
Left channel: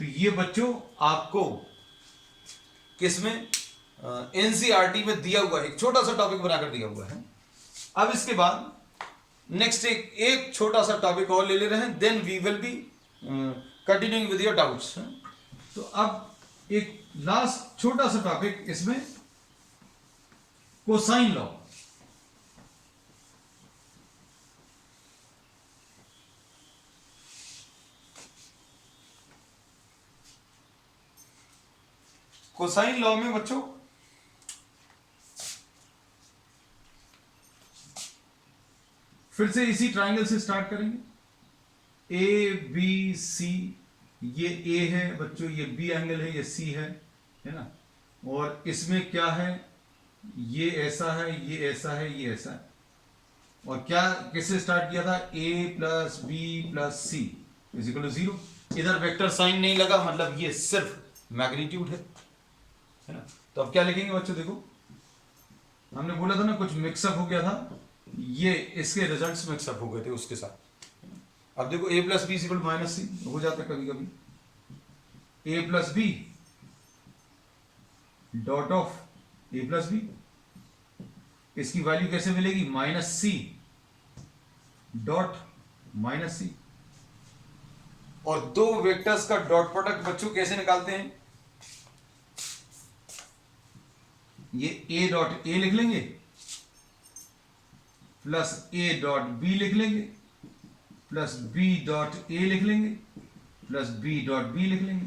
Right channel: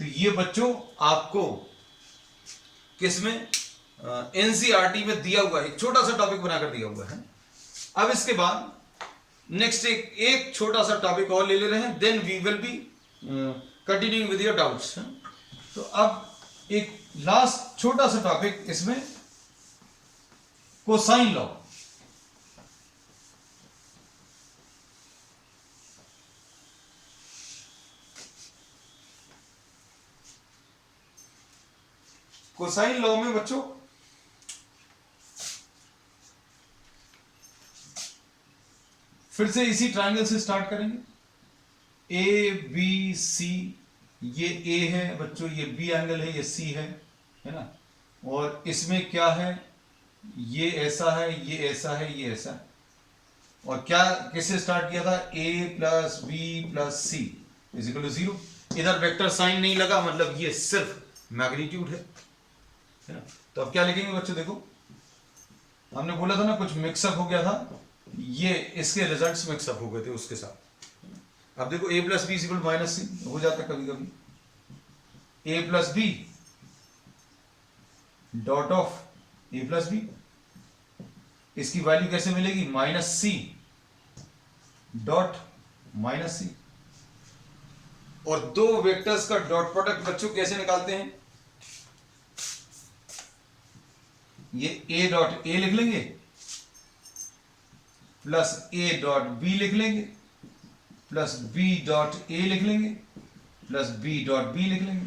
तो ये बच्चों आपको किसमें, एनसीईआरटी में दिया हुआ है, एक छोटा सा टॉपिक बनाकर दिया हुआ है। अब इसके बाद नेक्स्ट एक छोटा सा टॉपिक और ले रहे हैं, then we will be continuing with your doubts. तो अब एक लास्ट छोटा सा टॉपिक इसमें, कोसाइन लॉ। कोसाइन लॉ में बच्चों फिर से इसी ट्राइंगल से स्टार्ट करेंगे, ए बी सी, ये ए है बच्चों, ये बी एंगल है, ये सी है ना। और इसमें क्या है, ये ऐसा है, ये ऐसा है, ये ऐसा है। और क्या किससे स्टार्ट किया था, A plus B plus C is equal to 0। इधर वेक्टर साइन नहीं लगा, मतलब ये सिर्फ मैग्नीट्यूड है ना। तो अब क्या लिखेंगे बच्चों, देखो हमने बोला था ना कुछ मिक्सअप हो गया था, ये इसके रिजल्ट्स मिक्सअप हो गए थे उसके साथ। अब देखो A plus B equal minus C हो जाता है कभी कभी, A plus B dot of A plus B, इसकी वैल्यू कैसे मिलेगी, minus C dot minus C. और दो वेक्टर्स का डॉट प्रोडक्ट बच्चों कैसे निकालते हैं, ये a डॉट ए लिख लेंगे प्लस a डॉट बी लिख लेंगे प्लस b डॉट ए लिख लेंगे प्लस b डॉट बी लिख लेंगे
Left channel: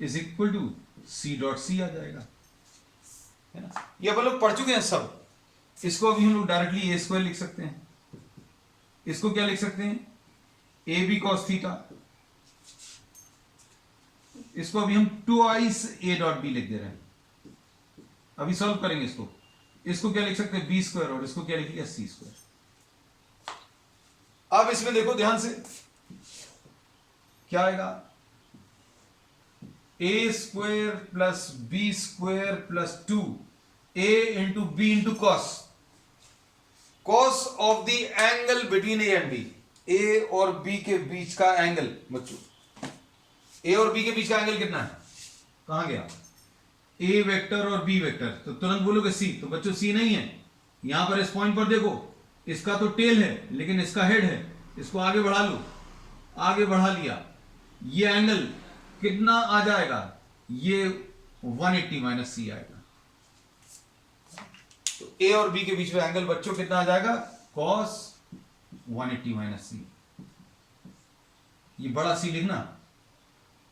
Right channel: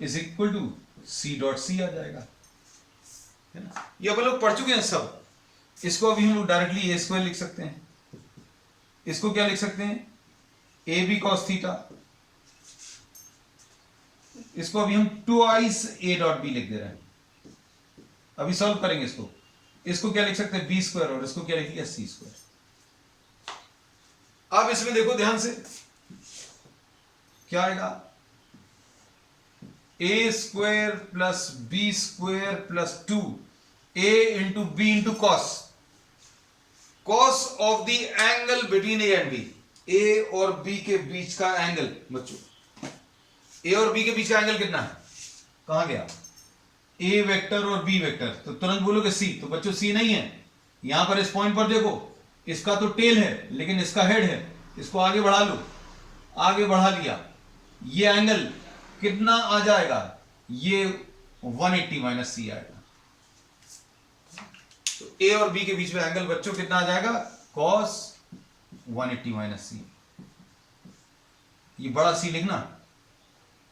is equal to c dot C आ जाएगा, है ना। ये अपन लोग पढ़ चुके हैं सब। इसको अभी हम लोग डायरेक्टली ए स्क्वायर लिख सकते हैं। इसको क्या लिख सकते हैं, ए बी कॉस थीटा इसको अभी हम ट्वाइस ए डॉट बी लिख दे रहे हैं। अभी सॉल्व करेंगे इसको क्या लिख सकते हैं, बी स्क्वायर, और इसको क्या लिखिएगा, सी स्क्वायर। अब इसमें देखो ध्यान से क्या आएगा, a square plus b square plus 2 a into B into cos, cos of the angle between a and b. A और बी के बीच का एंगल बच्चों, ए और बी के बीच का एंगल कितना है, कहां गया, ए वेक्टर और बी वेक्टर, तो तुरंत बोलोगे सी, तो बच्चों सी नहीं है। यहां पर इस पॉइंट पर देखो, इसका तो टेल है लेकिन इसका हेड है, इसको आगे बढ़ा लो, आगे बढ़ा लिया, ये एंगल कितना आ जाएगा, ये 180 माइनस सी आएगा। तो ए और बी के बीच में एंगल बच्चों कितना आ जाएगा, कॉस 180 माइनस सी। ये बड़ा सी लिखना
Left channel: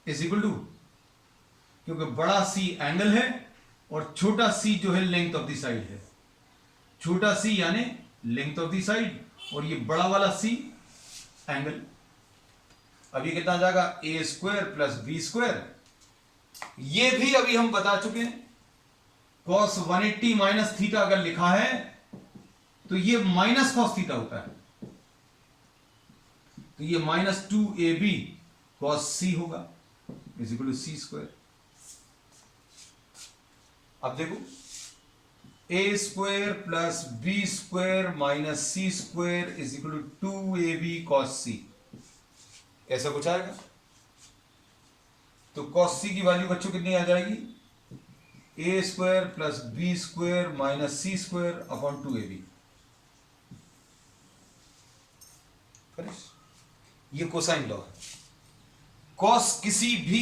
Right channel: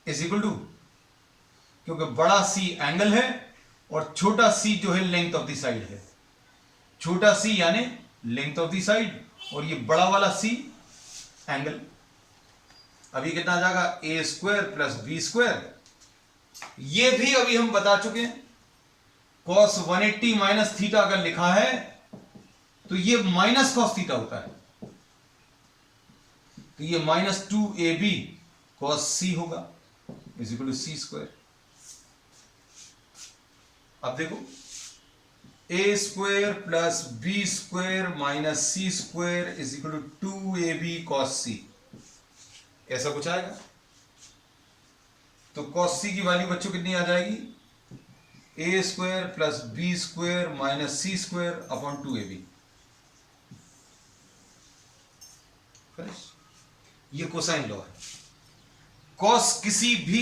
इज इक्वल टू, क्योंकि बड़ा सी एंगल है और छोटा सी जो है लेंथ ऑफ द साइड है, छोटा सी यानी लेंथ ऑफ द साइड, और ये बड़ा वाला सी एंगल। अभी कितना आ जाएगा, ए स्क्वायर प्लस बी स्क्वायर, ये भी अभी हम बता चुके हैं। कॉस 180 माइनस थीटा अगर लिखा है तो ये माइनस कॉस थीटा होता है, तो ये माइनस 2ab कॉस सी होगा is equal to c square. अब देखो, a square plus b square minus c square is equal to 2ab cos c, ऐसा कुछ आएगा। तो कॉस सी की वैल्यू बच्चों कितनी आ जाएगी, a square plus b square minus c square upon 2ab। ये कोसाइन लॉ है। कॉस किसी भी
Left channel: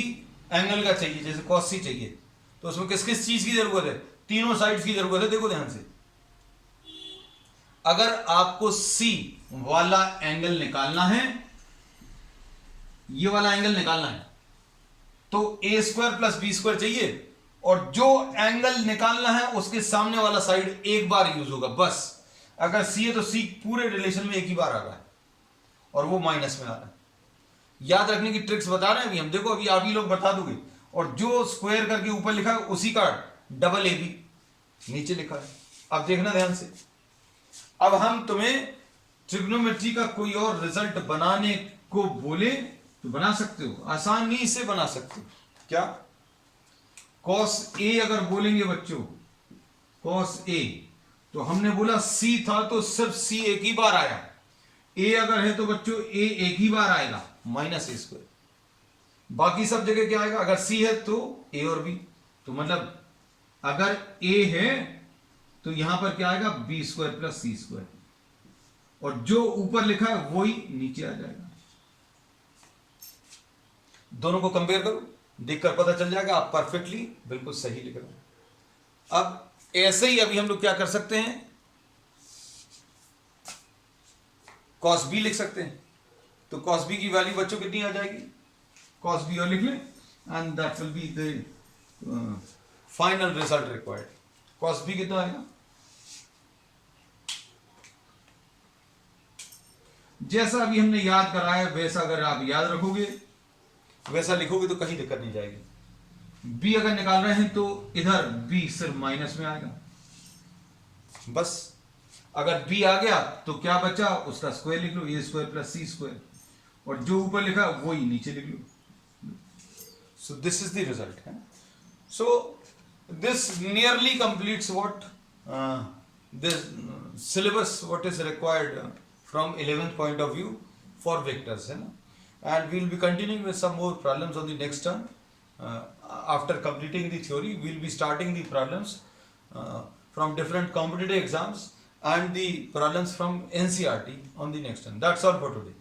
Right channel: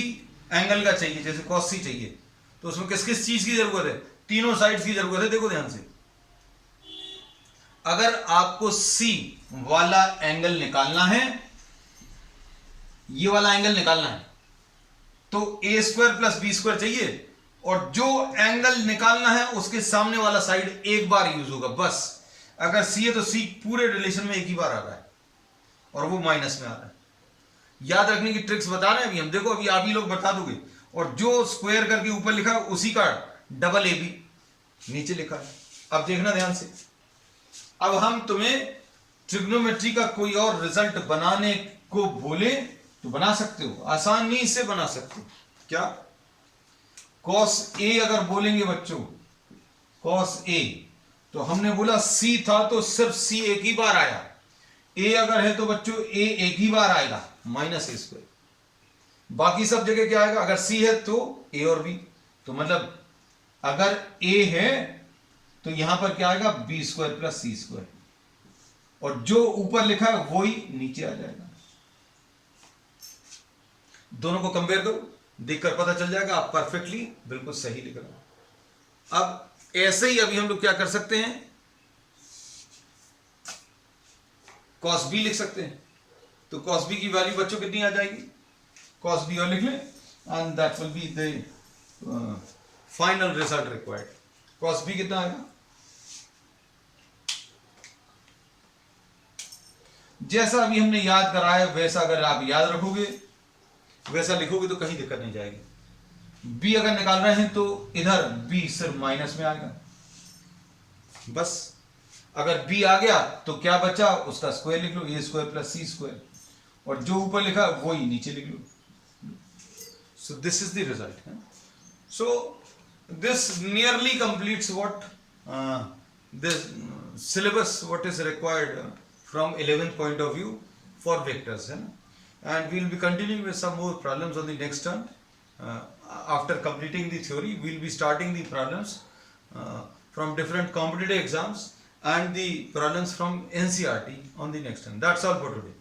एंगल का चाहिए, जैसे कॉस सी चाहिए, तो उसमें किस किस चीज की जरूरत है, तीनों साइड्स की जरूरत है। देखो ध्यान से, अगर आपको सी वाला एंगल निकालना है, ये वाला एंगल निकालना है, तो ए स्क्वायर प्लस बी स्क्वायर चाहिए, और जो एंगल निकालना है उसके सामने वाला साइड एक बार यूज होगा बस। अगर सी है तो सी पूरे रिलेशन में एक ही बार आ रहा है, और वो माइनस में आ रहा है। याद रखने की ट्रिक्स बता रहे हैं अभी हम, देखो अभी आप ही लोग बता दोगे। और जो स्क्वायर करके ऊपर लिखा है उसी का डबल ए बी नीचे लिखा है। अब देखना ध्यान से, अब हम तुम्हें ट्रिग्नोमेट्री का कोई और रिजल्ट बनाने को बोले तो बना सकते हो, आसानी से बना सकते हो। क्या, कॉस ए अगर बोलेंगे बच्चों, कॉस ए, तो हमने बोला सी था तो सिर्फ सी एक ही बार आया, ए अगर है तो बच्चों ए एक ही बार आएगा माइनस ए स्क्वायर। बाकी सब जगह क्या आएगा, अगर सी है तो ए और बी, तो मतलब अगर ए है तो यहां पर क्या आएगा, B square plus c square, और जो ऊपर लिखा है वही नीचे आ जाएगा। दोनों को कंपेयर करो, देखकर पता चल जाएगा आप परफेक्टली बिल्कुल सही लिख रहे हो। अब ऐसे ही अभी हम लोग क्या कर सकते हैं, कॉस बी लिख सकते हैं। तो कॉस बी की वैल्यू बच्चों कितनी आ जाएगी, कॉस बी और लिख लें, and that will be the final result required. Cos B कितना आएगा, जैसा अभी हमने याद कराया वैसा अगर आप याद रखोगे, वैसा लिखोगे तो कहीं दिक्कत नहीं जाएगी। बी अगर निकाल रहे हैं तो इधर बी सिर्फ माइनस में आएगा बस। अगर बी आ गया तो क्या बचा, उसका स्क्वायर लिख लो, a square plus c square, और जो ऊपर लिखा वही नीचे लिख लो। So this is the result. So this nearly completes what this syllabus what is required from 11th point of view for vectors, है ना. And we will be continuing with some more problems on the next term. After completing the theory, we will be starting the problems from different competitive exams and the problems from NCERT on the next term. That's all for today.